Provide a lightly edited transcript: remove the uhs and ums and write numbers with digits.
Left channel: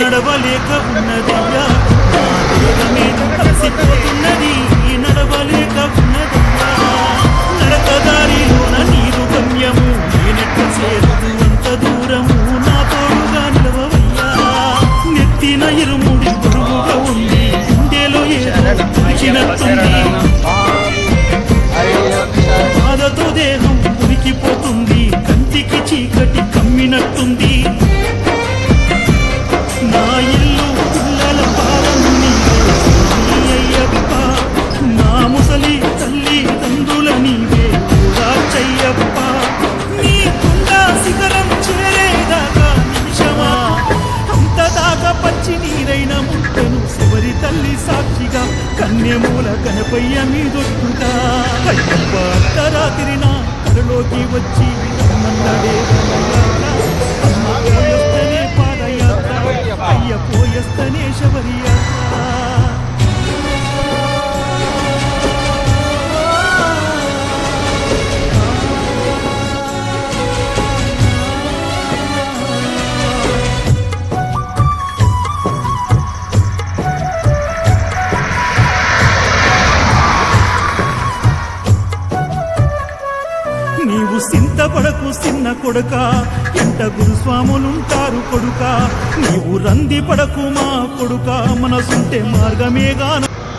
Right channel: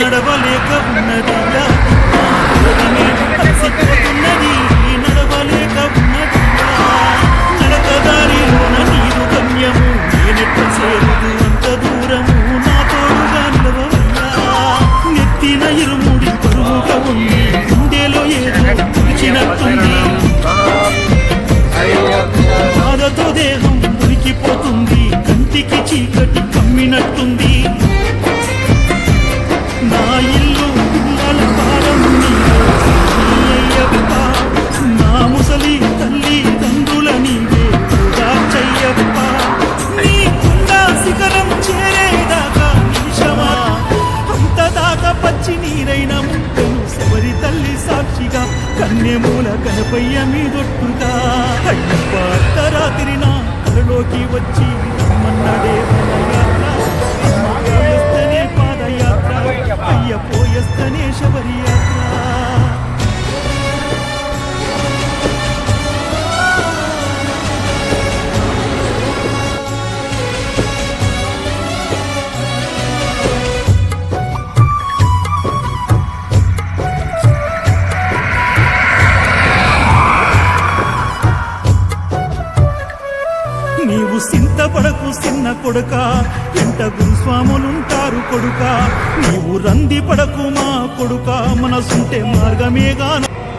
నడవలేక ఉన్నదయ్యా నా వేగమే కలిసిపోతున్నది నడవలేక ఉన్నదయ్యా నడకదారిలోన నీరు గమ్యము నేనెట్ల చేరుదు అంత దూరము నా తోడుగా నిలవవయ్యా నెత్తిన ఇరుముడి బరువుగా ఉంది గుండెలో ఏదో తుడిచినట్టుంది బాధతో దేహం ఉరికిపోతుంది కంటికి చీకటి కమ్మినట్టుంది నా ఇల్లు పిల్లల భారం నీవే అయ్యప్ప నా ముసలి తల్లి తండ్రుల నీవే చెయ్యప్ప నీ కొండ శిఖరం చేరేదాకా నిమిషమా అంతదాకా పచ్చి నీరైన ముట్టను శబరి తల్లి సాక్షిగా కన్యమూల కనపయ్య మీదొట్టుగా అయ్యప్ప అర్ధరాత్రి నా కలలోకి వచ్చి రమ్మన్నడే పాదయాత్ర అమ్మ పోయొస్తనే పాదయాత్ర అయ్య పోయొస్తనే శబరి యాత్ర నీవు సింతపడకు చిన్న కొడుక ఎంట గురుస్వాములుంటారు కొడుక నీవు రంది పడకు మా కొడుక మనసుంటే మార్గమేగా